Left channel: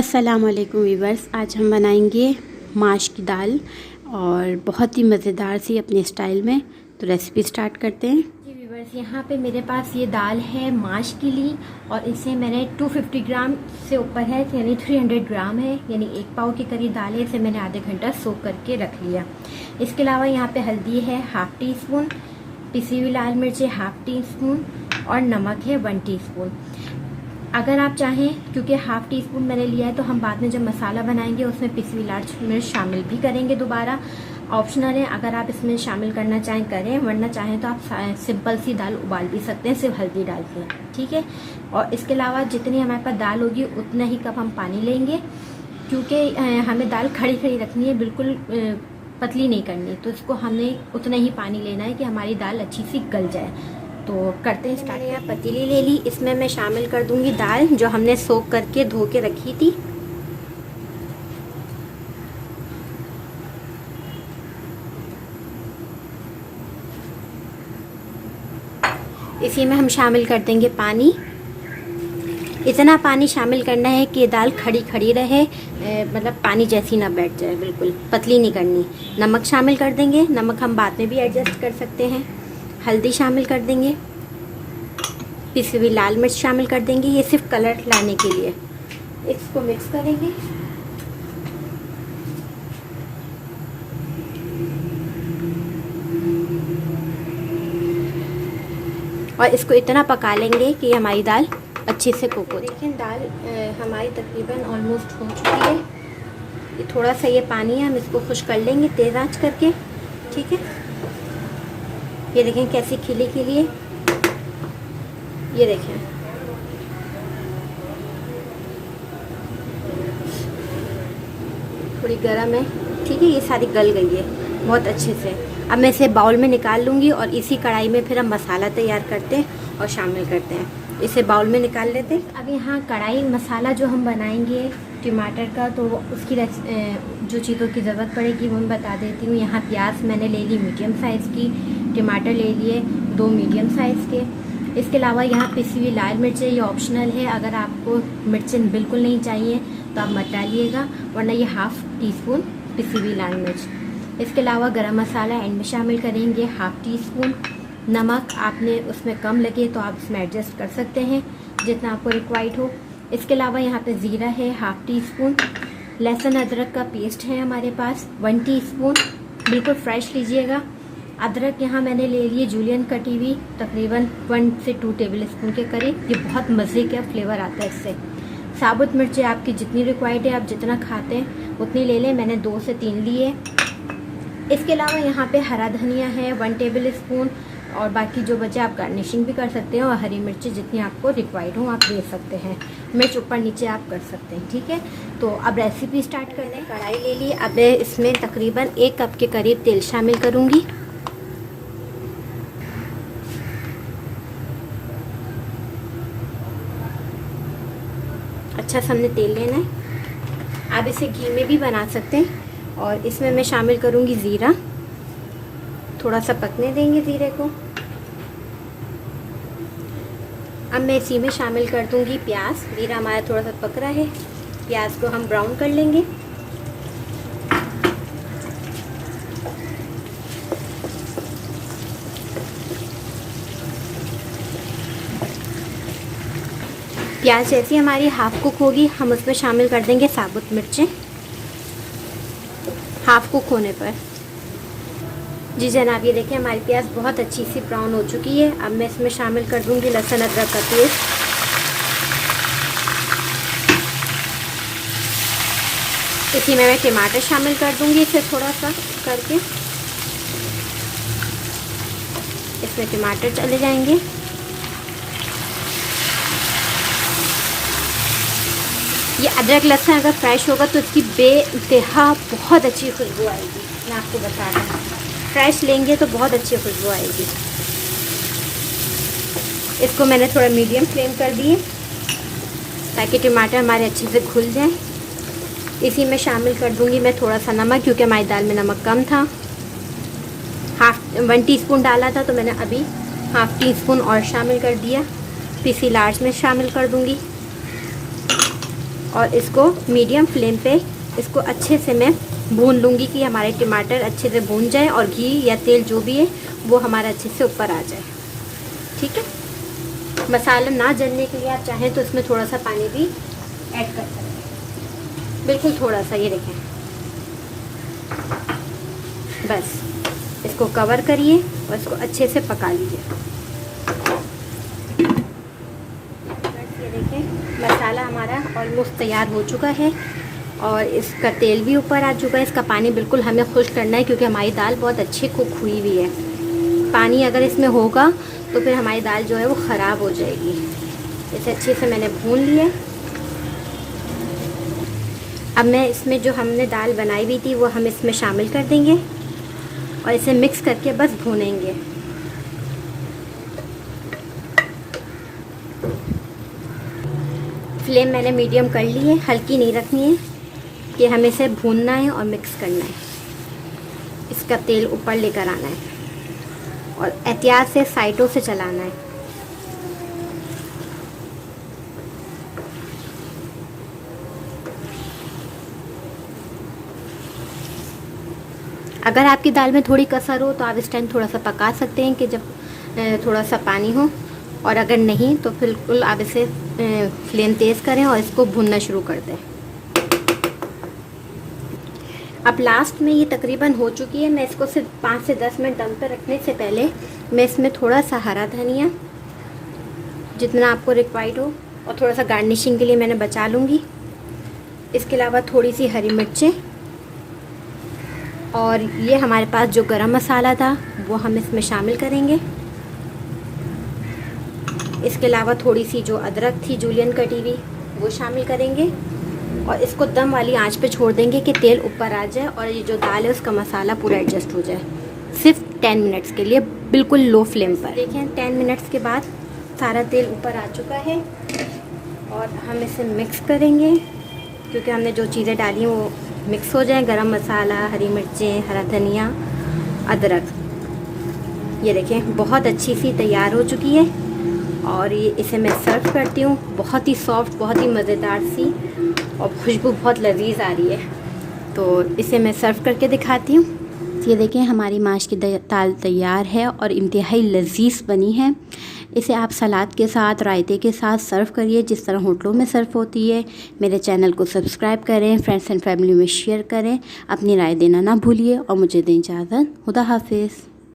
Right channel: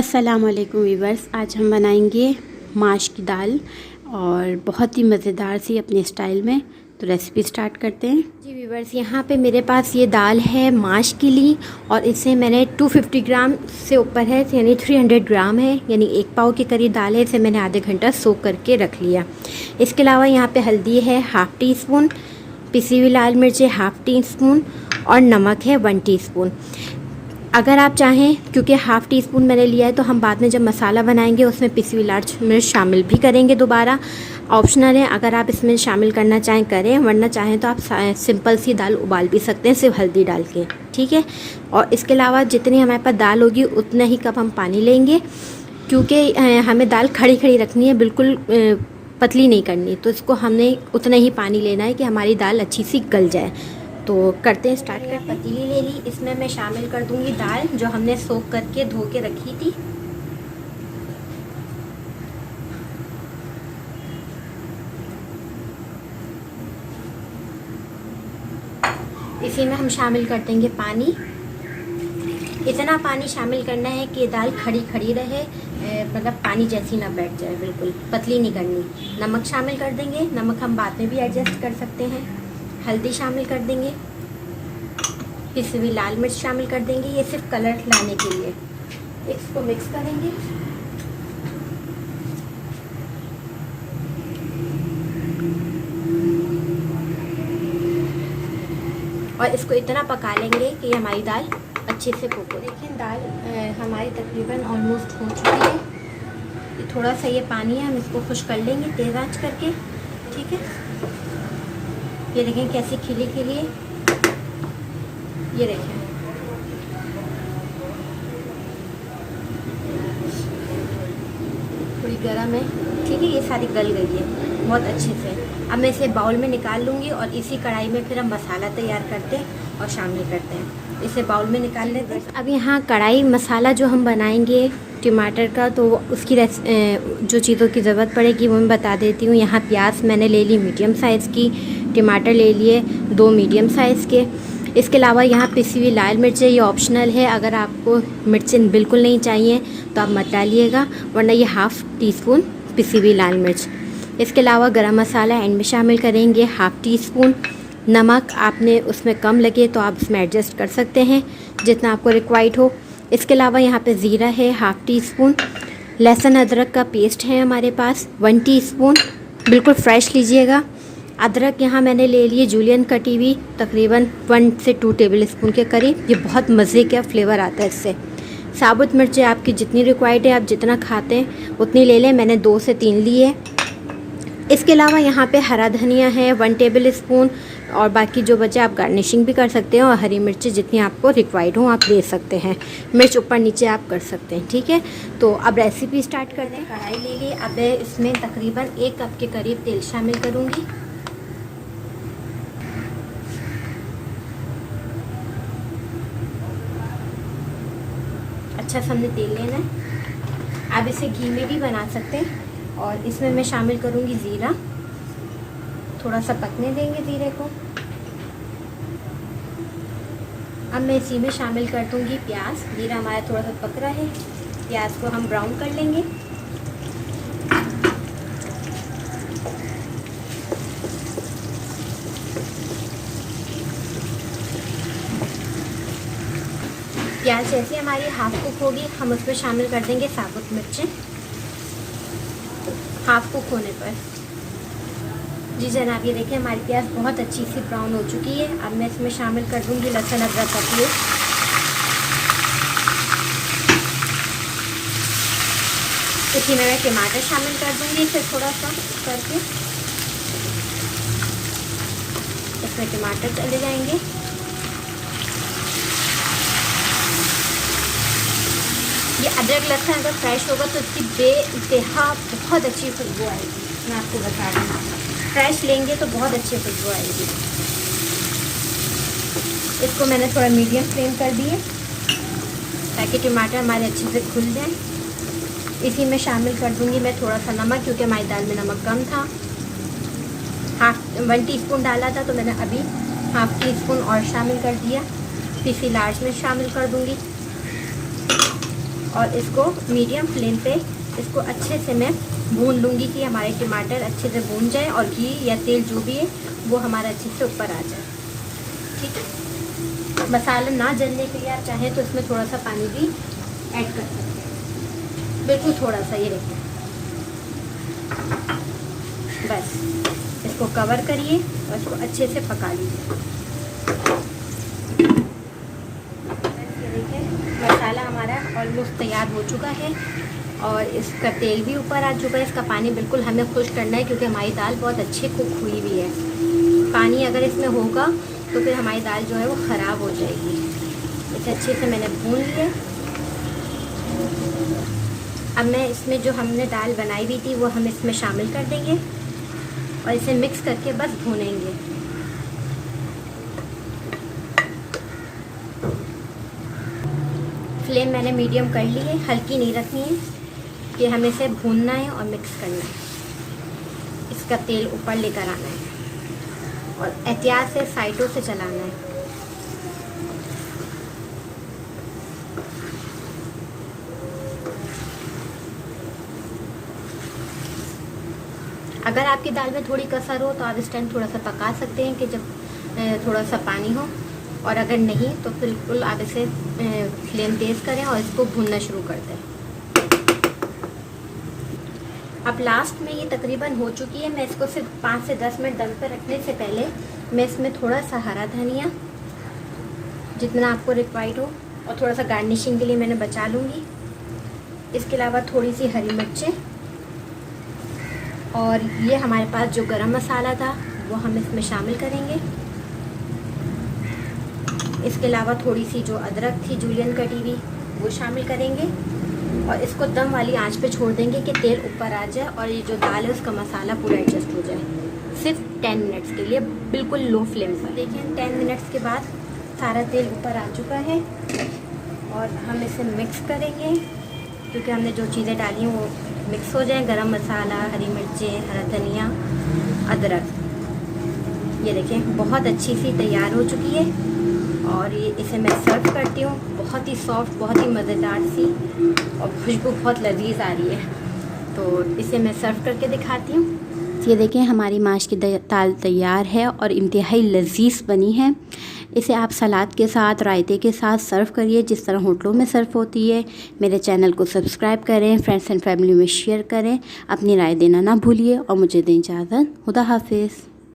अस्सलाम वालेकुम वीवर्स। आज हम बनाएंगे माश की दाल और बहुत ही मज़ेदार सी अपने स्टाइल में। तो रेसिपी स्टार्ट करते हैं जी वीवर्स। यहाँ पे मेरे पास ये दाल है माश के लिए और इसे मैंने 250 ग्राम से ऊपर है, यानी 300 ग्राम है, यानी 1 पाव के करीब दाल है। इसे मैंने आधे घंटा सोक करके रख लिया। इसके अलावा यहाँ पे हल्दी है हाफ़ टी स्पून, पिसी हुई लाल मिर्च है हाफ़ टी स्पून और नमक है 1 टीस्पून। अगर आप चाहें, क्योंकि हाफ़ टी स्पून मैंने लिया है, तो हम बाद में जब मसाला बनाएंगे उसमें पिसी हुई लाल मिर्च शामिल भी करेंगे दोबारा। ऑप्शनल है, अगर आप इसमें शामिल करना चाहें करें, वरना चाहें तो आप सिंपल सी दाल उबाल भी सकते हैं सिर्फ हल्दी डाल के, ठीक है। और इसके अलावा जितनी हमारे पास दाल होगी उतना ही कप हम पानी लेंगे, क्योंकि हमें दाल खड़ी खड़ी रखनी है, बिल्कुल पतली नहीं करनी। तो इसको हमने उतना ही पानी लेना है कि हमारी दाल अच्छी सी गल जाए। तो करते हैं स्टार्ट। यहाँ पतीली ले ली, इसमें मैं शामिल कर दूंगी दाल जो हमने सोक करके धो के रखी थी। इसी में हम शामिल कर देंगे पानी। इतना पानी शामिल करना है कि दाल खड़ी खड़ी रहे, मतलब पानी जैसी ना बैठ जाए, बिल्कुल पतली नहीं करनी। नमक शामिल कर देंगे, नमक हम बाद में भी एडजस्ट कर सकते हैं। हल्दी शामिल कर देंगे, पिसी हुई लाल मिर्च शामिल कर देंगे, ये सिर्फ कलर लाने के लिए। इसको मिक्स करेंगे। और इसको इतना पका लेंगे कि हमारी दाल अच्छे से कुक हो। देखिए दाल हमारी तकरीबन ऑलमोस्ट हो चुकी है। ये थोड़ा सा ये पानी है, हम इसको खुश कर लेंगे तेज आंच करके, ठीक है। ये देखें कैसी खिली खिली है, ये देखें। थोड़ी गर्म है, ठीक है। ये सारी गल गई है बहुत अच्छे से। अब मैं इसे बाउल में निकाल लूँगी और इसी कढ़ाई में फिर हम मसाला तैयार करते हैं और शामिल करते हैं। इसे बाउल में निकाल लेते हैं। अब यहाँ कढ़ाई मसाला जो हम बनाएंगे टमाटर का, तो उसकी जो चीज़ों की ज़रूरत पड़ेगी वो मैं बता देती हूँ। यहाँ प्याज मैंने ले ली मीडियम साइज़ की, टमाटर ले लिए 2 मीडियम साइज़ के। इसके अलावा यहाँ पिसी हुई लाल मिर्च है, ये ऑप्शनल है। अगर आपको मिर्चें बिल्कुल नहीं चाहिए तो आप मत डालिएगा, वरना ये हाफ़ टी स्पून पिसी हुई लाल मिर्च। इसके अलावा गरम मसाला एंड में शामिल करेंगे हाफ़ टी स्पून। नमक आपने उसमें कम लगे तो आप इसमें एडजस्ट कर सकते हैं जितना आपको रिक्वायर्ड हो। इसके अलावा यहाँ पे ज़ीरा है हाफ़ टी स्पून। लहसुन अदरक का पेस्ट है हमारे पास 1 टीस्पून, बिल्कुल फ्रेश लीजिएगा। अदरक यहाँ मैंने ले लिए जूलियन कटी हुई, तकरीबन 1 से 2 टेबल स्पून के करीब। ये बहुत मज़े का फ्लेवर आता है इससे। साबुत मिर्चें आपकी जितनी रिक्वायर्ड है, आप जितना खाते हैं उतनी ले लें, मैंने 2 से 3 ली है। इसके अलावा यहाँ पे हरा धनिया है 1 टेबल स्पून, और बाकी जो बचे आप गार्निशिंग भी कर सकते हैं। और हरी मिर्चें जितनी आपको रिक्वायर्ड हो आप ले सकते हैं, मिर्च ऊपर नीचे आप कर सकते हैं, ठीक है। तो अब रेसिपी स्टार्ट करते हैं। कढ़ाई ले ली, अब इसमें तकरीबन 1 कप के करीब तेल शामिल करूँगी। अच्छा सा हमने तेल लेना है। आप इसे घी में भी बना सकते हैं। और इसमें मैं शामिल करूँगी ज़ीरा, थोड़ा सा पकने देंगे ज़ीरे को। अब मैं इसी में शामिल कर दूँगी प्याज। ज़ीरा हमारा थोड़ा सा पक रहा है, प्याज को हम ब्राउन कर लेंगे। प्याज जैसी हमारी हाफ कुक होगी, हम उसमें शामिल कर देंगे साबुत मिर्चें हाफ कुक होने पर। जी जनाब, ये देखिए हमारी प्याज बहुत अच्छी सी ब्राउन हो चुकी है। अब मैं इसमें शामिल कर दूंगी लहसुन अदरक का पेस्ट। इसी में मैं टमाटर शामिल कर दूंगी, इसे थोड़ा सा करके इसमें टमाटर चले जाएंगे। ये अदरक लहसुन अगर फ्रेश होगा तो इसकी बेइंतहा बहुत अच्छी खुशबू आएगी। मैं आपको बता रही हूँ, फ्रेश लेंगे तो बहुत अच्छी खुशबू आएगी। इसको मैंने थोड़ा मीडियम फ्लेम कर दिए ताकि टमाटर हमारे अच्छे से खुल जाए। इसी में शामिल कर दूंगी मैं थोड़ा सा नमक, क्योंकि हमारी दाल में नमक कम था। 1 टीस्पून डाला था, तो मैंने अभी हाफ़ टी स्पून और शामिल कर दिया। पिसी लाल मिर्च शामिल कर दूंगी। और इसको मीडियम फ्लेम पे इसको अच्छे से मैं भून लूँगी कि हमारे टमाटर अच्छे से भून जाए और घी या तेल जो भी है वो हमारा अच्छे से ऊपर आ जाए। ठीक है, मसाला ना जलने के लिए आप चाहें तो इसमें थोड़ा सा पानी भी ऐड कर सकते हैं, बिल्कुल थोड़ा सा। ये देखिए, बस इसको कवर करिए और इसको अच्छे से पका लीजिए। ये देखिए, मसाला हमारा ऑलमोस्ट तैयार हो चुका है और इसका तेल भी ऊपर आ चुका है। इसका पानी बिल्कुल हमें खुश करना है क्योंकि हमारी दाल बहुत अच्छी कुक हुई हुई है। पानी अगर इसमें होगा तो फिर हमारी दाल जो है वो ख़राब हो जाएगी। इसे अच्छे से मैंने भून लिया। अब मैं इसमें जो हमने दाल बनाई हुई थी वो हम इसमें शामिल कर देंगे और इसे मिक्स करके बस भूनेंगे। फ्लेम मैंने मीडियम कर ली है, हल्की नहीं रखनी है कि हमें इसे भूनना है और मिक्स करना है। इसका तेल ऊपर लेकर आना है और एहतियात से साइडों से चलाना है। अगर आपकी दाल में थोड़ी कसर हो तो आप इस टाइम थोड़ा सा पका सकते हैं कि जब थोड़ा सा पानी हो, और अगर नहीं तो बिल्कुल आप इसे फ्लेम तेज़ करें और इसको भूनना शुरू कर दें। अब लास्ट में ये तकरीबन हो चुकी है। मैं इसको सिर्फ 5 से 10 मिनट दम पर रखने से पहले मैं इसमें थोड़ा सा हरा धनिया, जितना आपको रिक्वायर्ड हो, और थोड़ा सा गार्निशिंग के लिए मैंने बचा लूँगी। इसके अलावा थोड़ी सी हरी मिर्चें, और ये हमारे पास जो गरम मसाला था वो हम इसमें शामिल करेंगे। इसके अलावा थोड़ी सी जो अदरक थी जूलियन कटी हुई वो शामिल करेंगे और इसको दम वाली आंच पे छोड़ देंगे कि तेल ऊपर आ जाए और ये जो दाल है उसका मसाला पूरा एडजस्ट हो जाए। सिर्फ 10 मिनट्स के लिए, बिल्कुल लो फ्लेम पर। देखिए 10 मिनट्स के बाद सारा तेल ऊपर आ चुका है और हम इसे मिक्स करेंगे क्योंकि हमने जो चीज़ें डाली वो मिक्स हो जाए। गरम मसाला, हरी मिर्चें, हरा धनिया, अदरक। ये देखें बहुत अच्छी सी तैयार हो चुकी है और ये इसे मैं सर्व करती हूँ। बहुत ही सॉफ्ट, बहुत ही मज़ेदार सी और खुशबू बहुत लजीज आ रही है, तो इसे मैं सर्व करके दिखाती हूँ। ये देखें हमारी माश की दाल तैयार है और इंतहाई लजीज बनी है। इसे आप सलाद के साथ, रायते के साथ सर्व करिए जिस तरह होटलों में सर्व होती है। मेरे चैनल को सब्सक्राइब करें, फ्रेंड्स एंड फैमिली में शेयर करें, अपनी राय देना ना भूलिए और मुझे दें इजाज़त। खुदा हाफिज़।